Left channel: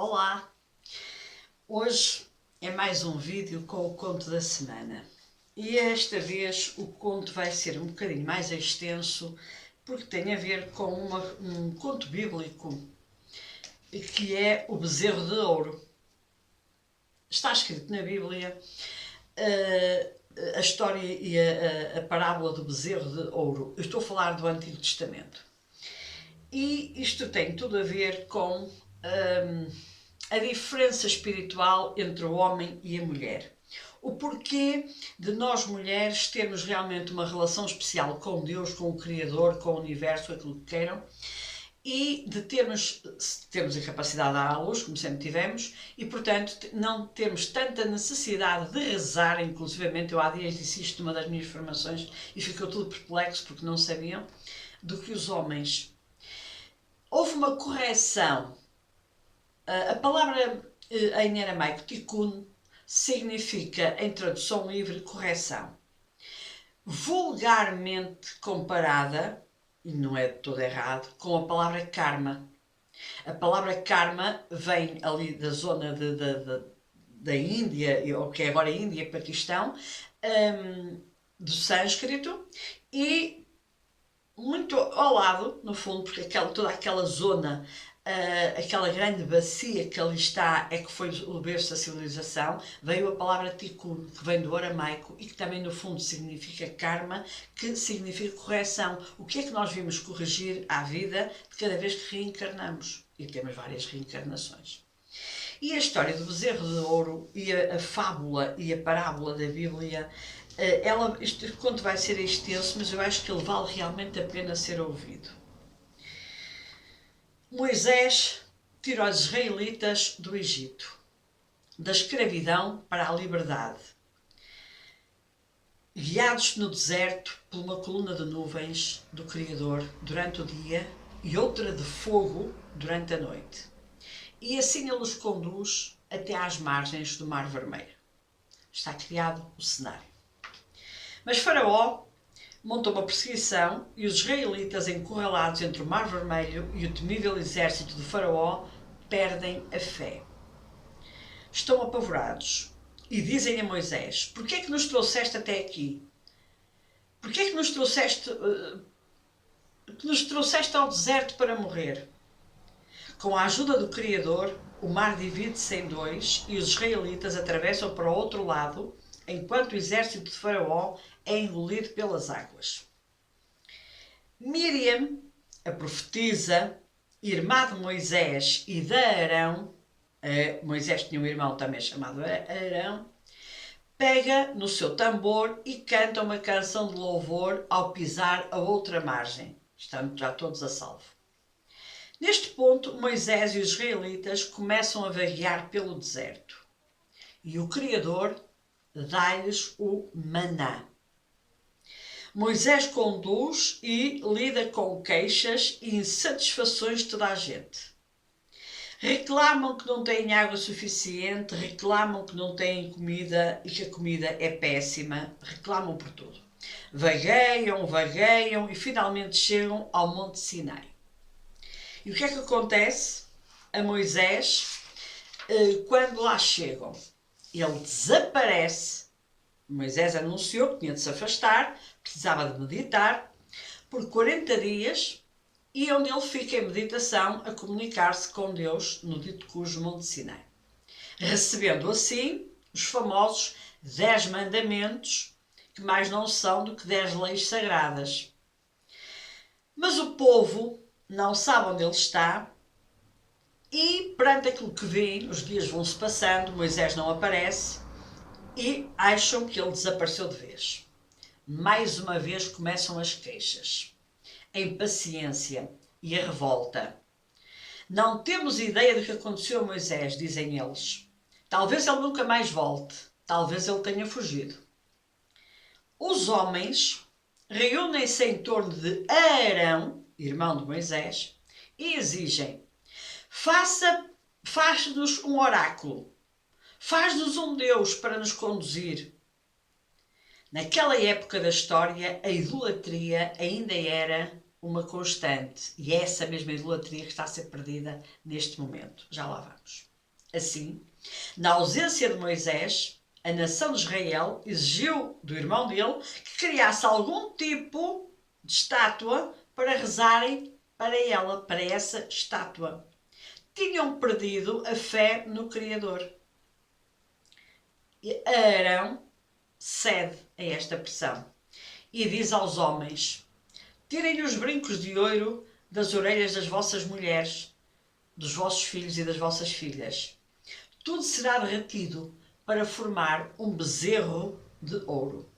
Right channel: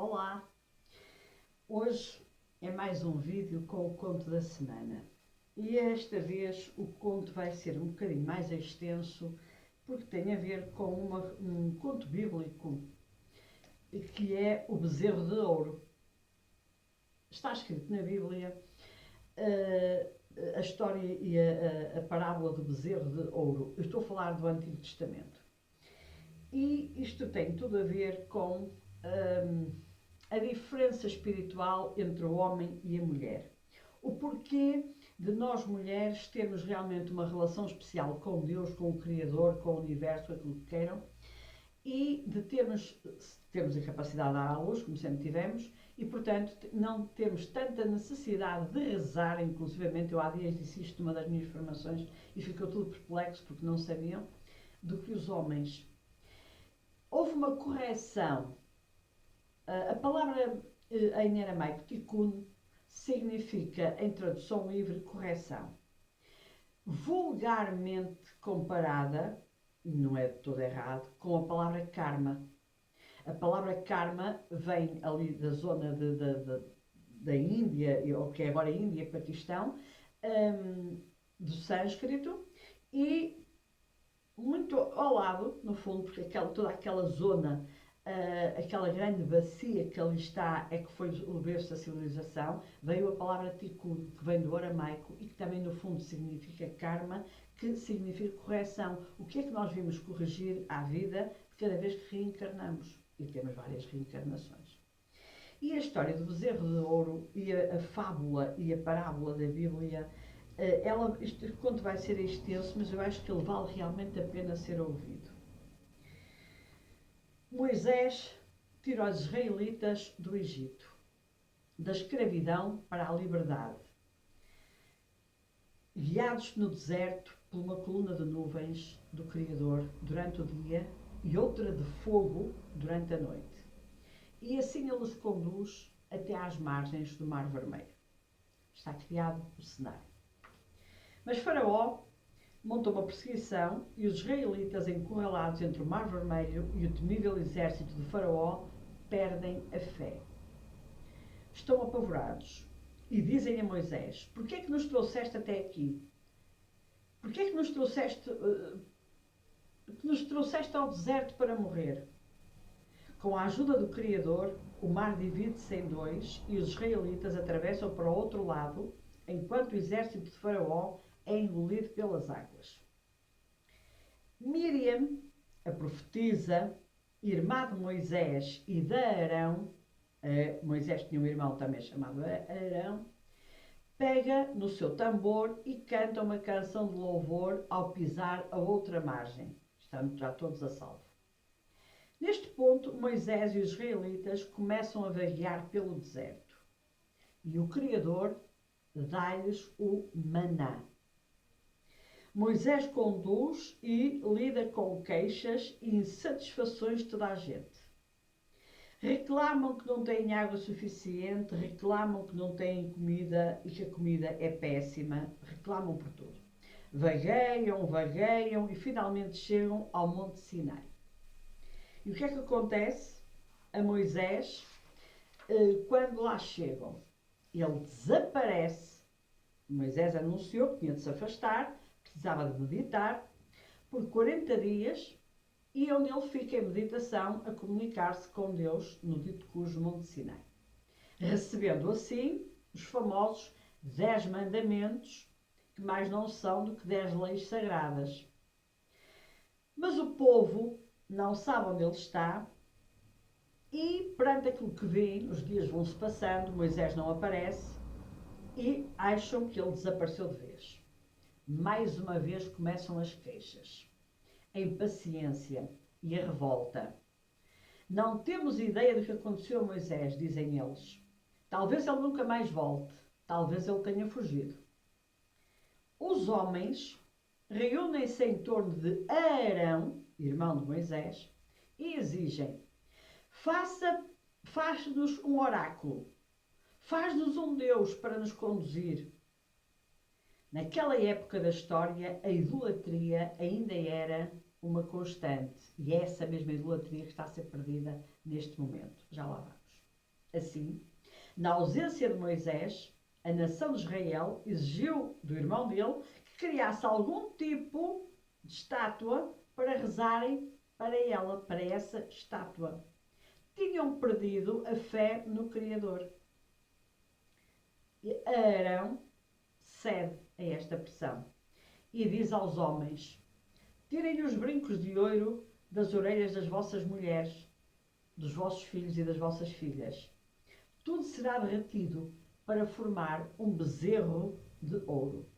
Olá! Hoje é mais um vídeo com o conto da semana e esta vez o conto vai ser um bocadinho mais extenso porque tem a ver com um conto bíblico que é o bezerro de ouro. Está escrito na Bíblia a história e a parábola do bezerro de ouro. Eu estou a falar do Antigo Testamento. E isto tem tudo a ver com a diferença espiritual entre o homem e a mulher. O porquê de nós mulheres termos realmente uma relação especial com Deus, com o Criador, com o Universo, aquilo que queiram, e de termos a capacidade de dar à luz, como sempre tivemos, e portanto não termos tanta necessidade de rezar. Inclusivamente eu há dias disse isto numa das minhas formações e ficou tudo perplexo porque não sabiam, do que os homens. Houve uma correção. A palavra em aramaico tikkun significa, em tradução livre, correção. Vulgarmente comparada, e não é de todo errado, com a palavra karma. A palavra karma vem ali da zona da Índia, ou que é agora Índia e Paquistão, do sânscrito, e muito ao lado, no fundo, porque toda aquela zona, aquela grande bacia que ali está, é que foi o berço da civilização, veio a palavra tikkun, que vem do aramaico e que também no fundo significa karma, que significa correção. O que é que nós vimos corrigir à vida de cada vez que reencarnamos? E temos várias reencarnações. E a história do bezerro de ouro e a fábula e a parábola da Bíblia, este conto vai ser extenso, mas eu acho que ele vale realmente a pena ser ouvido. Moisés tirou os israelitas do Egito, da escravidão para a liberdade, guiados no deserto por uma coluna de nuvens do Criador durante o dia e outra de fogo durante a noite. E assim ele os conduz até às margens do Mar Vermelho. Está criado o cenário. Mas Faraó montou uma perseguição e os israelitas, encurralados entre o Mar Vermelho e o temível exército de Faraó, perdem a fé. Estão apavorados e dizem a Moisés: porquê é que nos trouxeste até aqui? Porquê é que nos trouxeste ao deserto para morrer? Com a ajuda do Criador, o mar divide-se em dois e os israelitas atravessam para o outro lado, enquanto o exército de Faraó é engolido pelas águas. Miriam, a profetisa, irmã de Moisés e de Arão, Moisés tinha um irmão também chamado Arão, pega no seu tambor e canta uma canção de louvor ao pisar a outra margem. Estão já todos a salvo. Neste ponto, Moisés e os israelitas começam a vaguear pelo deserto. E o Criador dá-lhes o maná. Moisés conduz e lida com queixas e insatisfações de toda a gente. Reclamam que não têm água suficiente, reclamam que não têm comida e que a comida é péssima, reclamam por tudo. Vagueiam e finalmente chegam ao Monte Sinai. E o que é que acontece a Moisés quando lá chegam? Ele desaparece. Moisés anunciou que tinha de se afastar, precisava de meditar, por 40 dias, e onde ele fica em meditação a comunicar-se com Deus no dito cujo Monte Sinai. Recebendo assim os famosos 10 mandamentos, que mais não são do que 10 leis sagradas. Mas o povo não sabe onde ele está e, perante aquilo que vê, os dias vão-se passando, Moisés não aparece e acham que ele desapareceu de vez. Mais uma vez começam as queixas, a impaciência e a revolta. Não temos ideia do que aconteceu a Moisés, dizem eles. Talvez ele nunca mais volte, talvez ele tenha fugido. Os homens reúnem-se em torno de Arão, irmão de Moisés, e exigem: faz-nos um oráculo, faz-nos um Deus para nos conduzir. Naquela época da história, a idolatria ainda era uma constante, e é essa mesma idolatria que está a ser perdida neste momento. Já lá vamos. Assim, na ausência de Moisés, a nação de Israel exigiu do irmão dele que criasse algum tipo de estátua para rezarem para ela, para essa estátua. Tinham perdido a fé no Criador. E Arão cede a esta pressão e diz aos homens: tirem os brincos de ouro das orelhas das vossas mulheres, dos vossos filhos e das vossas filhas. Tudo será derretido para formar um bezerro de ouro.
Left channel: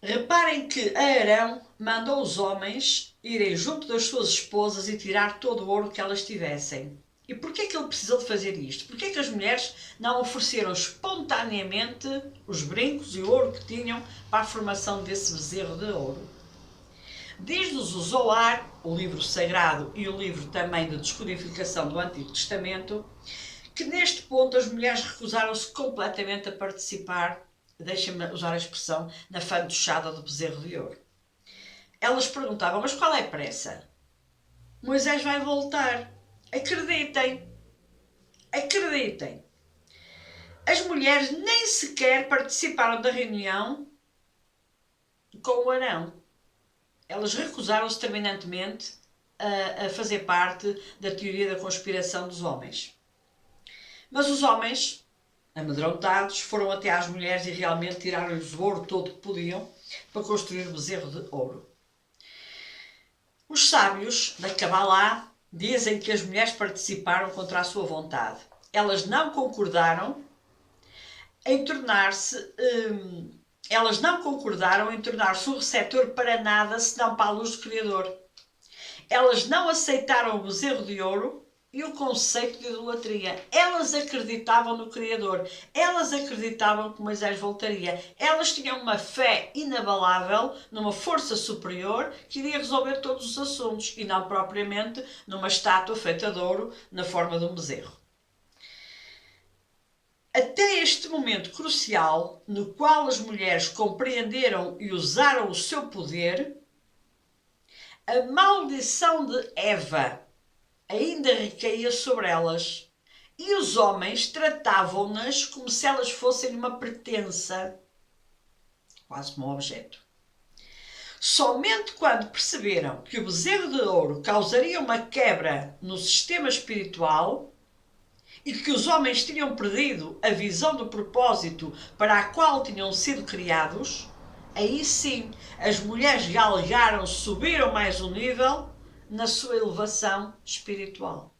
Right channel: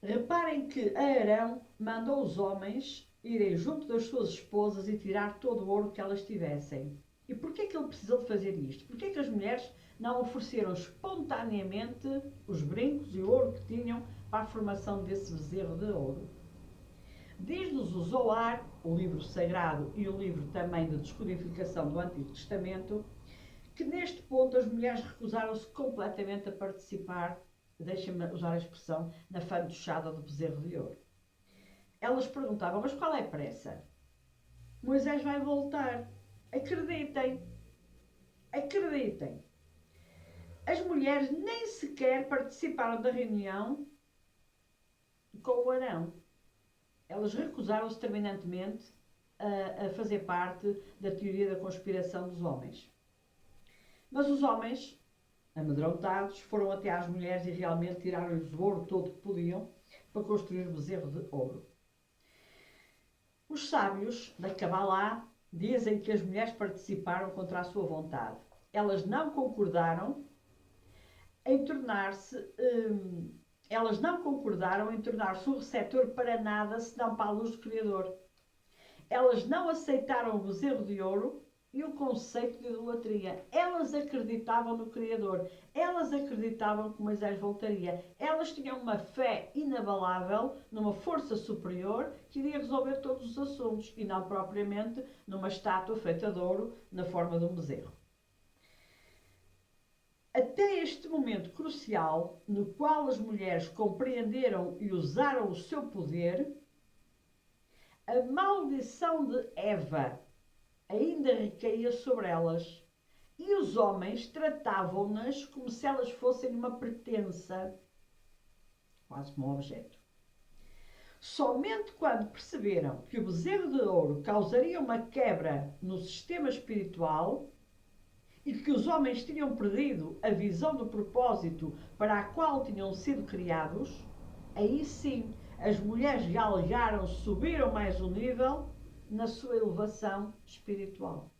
Reparem que Arão mandou os homens irem junto das suas esposas e tirar todo o ouro que elas tivessem. E porquê é que ele precisou de fazer isto? Porquê é que as mulheres não ofereceram espontaneamente os brincos e o ouro que tinham para a formação desse bezerro de ouro? Diz-nos o Zoar, o livro sagrado e o livro também de descodificação do Antigo Testamento, que neste ponto as mulheres recusaram-se completamente a participar, deixem-me usar a expressão, na fantochada do bezerro de ouro. Elas perguntavam, mas qual é a pressa? Moisés vai voltar. Acreditem. Acreditem. As mulheres nem sequer participaram da reunião com o Arão. Elas recusaram-se terminantemente a fazer parte da teoria da conspiração dos homens. Mas os homens, amedrontados, foram até às mulheres e realmente tiraram-lhes o ouro todo que podiam para construir o bezerro de ouro. Os sábios da Cabalá dizem que as mulheres participaram contra a sua vontade. Elas não concordaram em tornar-se o receptor para nada senão para a luz do Criador. Elas não aceitaram o bezerro de ouro e o conceito de idolatria. Elas acreditavam no Criador. Elas acreditavam que Moisés voltaria. Elas tinham uma fé inabalável numa força superior que iria resolver todos os assuntos e não propriamente numa estátua feita de ouro na forma de um bezerro. Até este momento crucial, no qual as mulheres compreenderam e usaram o seu poder, a maldição de Eva ainda recaía sobre elas e os homens tratavam-nas como se elas fossem uma pertença, quase como um objeto. Somente quando perceberam que o bezerro de ouro causaria uma quebra no sistema espiritual e que os homens tinham perdido a visão do propósito para a qual tinham sido criados, aí sim as mulheres galgaram, subiram mais um nível na sua elevação espiritual.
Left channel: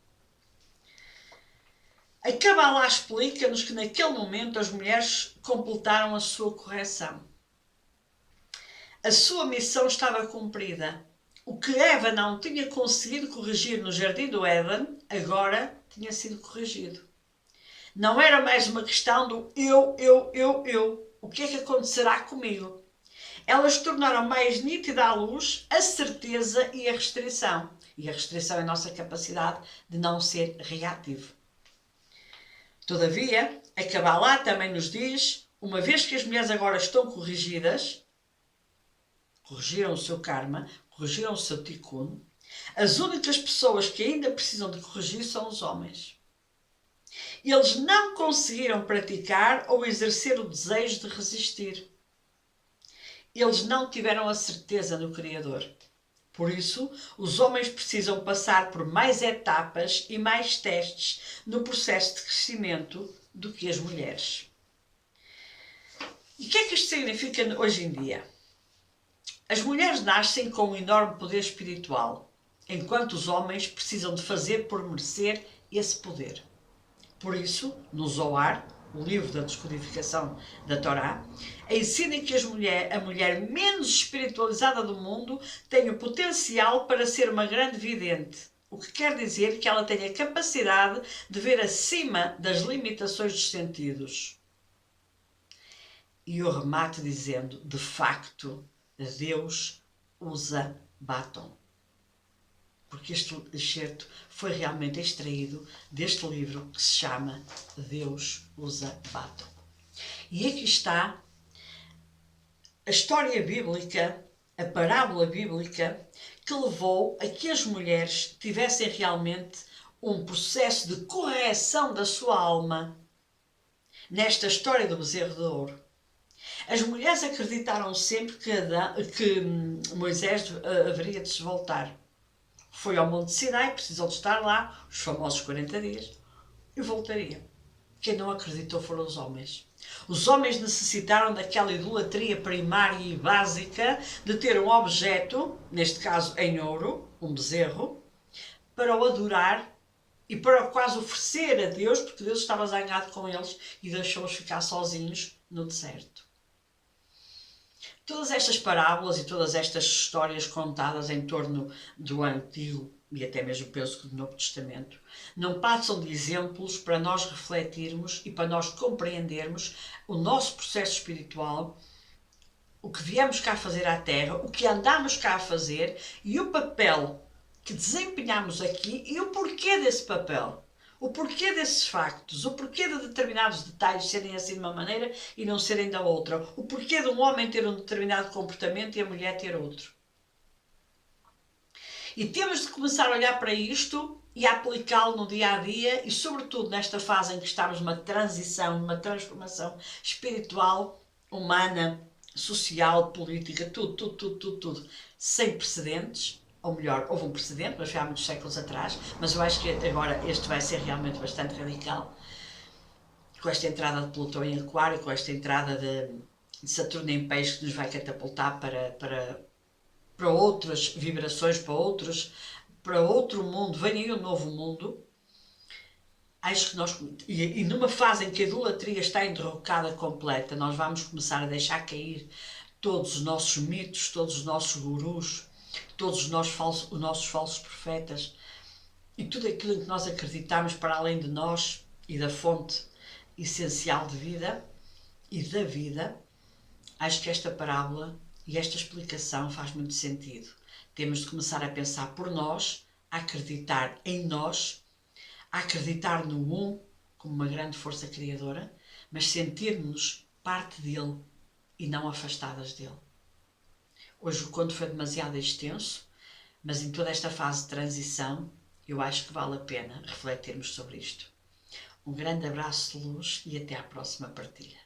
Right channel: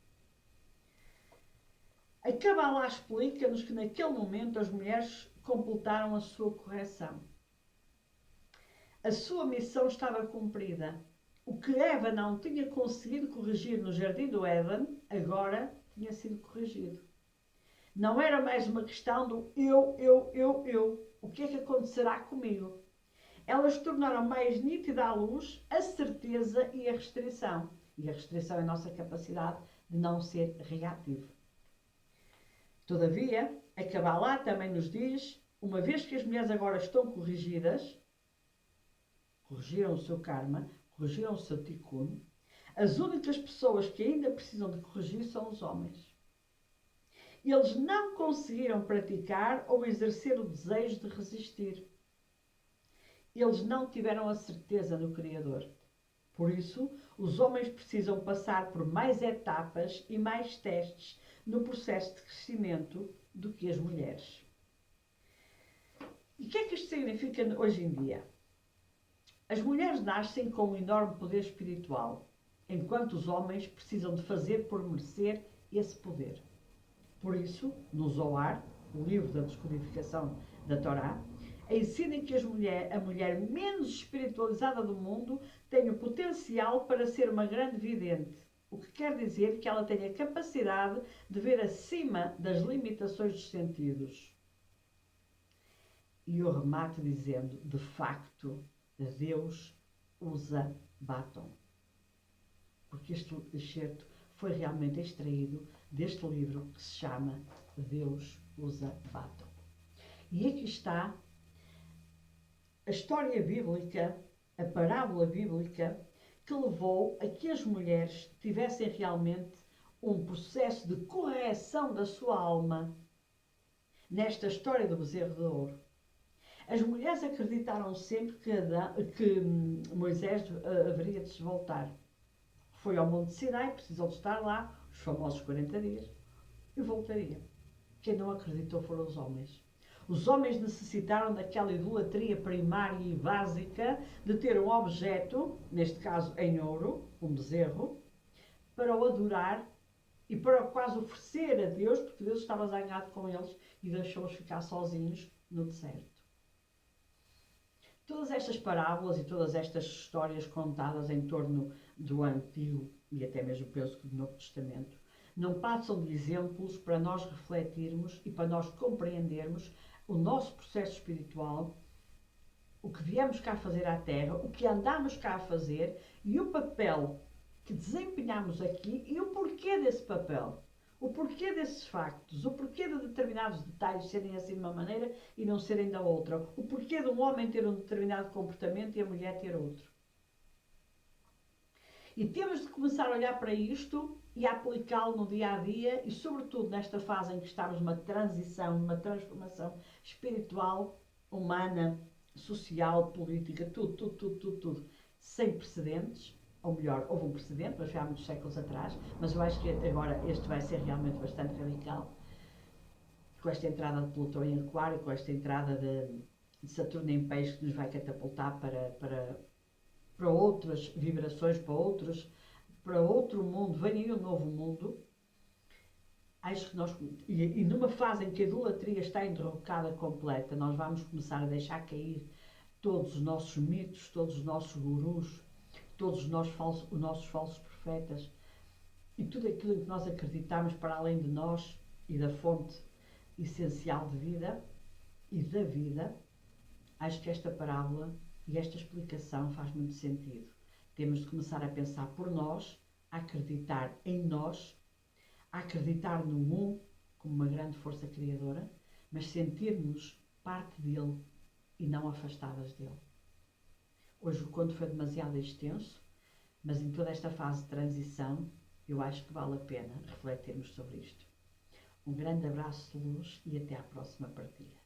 A Cabalá explica-nos que naquele momento as mulheres completaram a sua correção. A sua missão estava cumprida. O que Eva não tinha conseguido corrigir no Jardim do Éden, agora tinha sido corrigido. Não era mais uma questão do eu. O que é que acontecerá comigo? Elas tornaram mais nítida à luz a certeza e a restrição. E a restrição é a nossa capacidade de não ser reativo. Todavia, a Cabalá também nos diz, uma vez que as mulheres agora estão corrigidas, corrigiram o seu karma, corrigiram o seu tikkun, as únicas pessoas que ainda precisam de corrigir são os homens. Eles não conseguiram praticar ou exercer o desejo de resistir. Eles não tiveram a certeza no Criador. Por isso, os homens precisam passar por mais etapas e mais testes no processo de crescimento do que as mulheres. E o que é que isto significa hoje em dia? As mulheres nascem com um enorme poder espiritual, enquanto os homens precisam de fazer por merecer esse poder. Por isso, no Zoar, o livro da descodificação da Torá, ensina que a mulher menos espiritualizada do mundo tem o potencial para ser uma grande vidente, o que quer dizer que ela tem a capacidade de ver acima das limitações dos sentidos. E eu remato dizendo, de facto, Deus usa batom. Porque este excerto foi realmente extraído deste livro que se chama Deus usa batom. E aqui está a história bíblica, a parábola bíblica, que levou a que as mulheres tivessem realmente um processo de correção da sua alma nesta história do bezerro de ouro. As mulheres acreditaram sempre que Moisés haveria de se voltar. Foi ao Monte Sinai, precisou de estar lá, os famosos 40 dias, e voltaria. Quem não acreditou foram os homens. Os homens necessitaram daquela idolatria primária e básica de ter um objeto, neste caso em ouro, um bezerro, para o adorar e para o quase oferecer a Deus, porque Deus estava zangado com eles e deixou-os ficar sozinhos no deserto. Todas estas parábolas e todas estas histórias contadas em torno do Antigo e até mesmo penso que do Novo Testamento não passam de exemplos para nós refletirmos e para nós compreendermos o nosso processo espiritual, o que viemos cá fazer à Terra, o que andamos cá a fazer e o papel que desempenhamos aqui e o porquê desse papel. O porquê desses factos, o porquê de determinados detalhes serem assim de uma maneira e não serem da outra, o porquê de um homem ter um determinado comportamento e a mulher ter outro. E temos de começar a olhar para isto e a aplicá-lo no dia a dia e, sobretudo, nesta fase em que estamos numa transição, numa transformação espiritual, humana, social, política, tudo, sem precedentes. Ou melhor, houve um precedente, mas foi há muitos séculos atrás, mas eu acho que agora este vai ser realmente bastante radical, com esta entrada de Plutão em Aquário, com esta entrada de Saturno em Peixe, que nos vai catapultar para outras vibrações, para outro mundo, vem aí um novo mundo. Acho que nós, e numa fase em que a idolatria está enderrocada completa, nós vamos começar a deixar cair todos os nossos mitos, todos os nossos gurus, todos os nossos falsos profetas e tudo aquilo em que nós acreditamos para além de nós e da fonte essencial de vida e da vida. Acho que esta parábola e esta explicação faz muito sentido. Temos de começar a pensar por nós, a acreditar em nós, a acreditar no Um como uma grande força criadora, mas sentir-nos parte dele e não afastadas dele. Hoje o conto foi demasiado extenso, mas em toda esta fase de transição eu acho que vale a pena refletirmos sobre isto. Um grande abraço de luz e até à próxima partilha.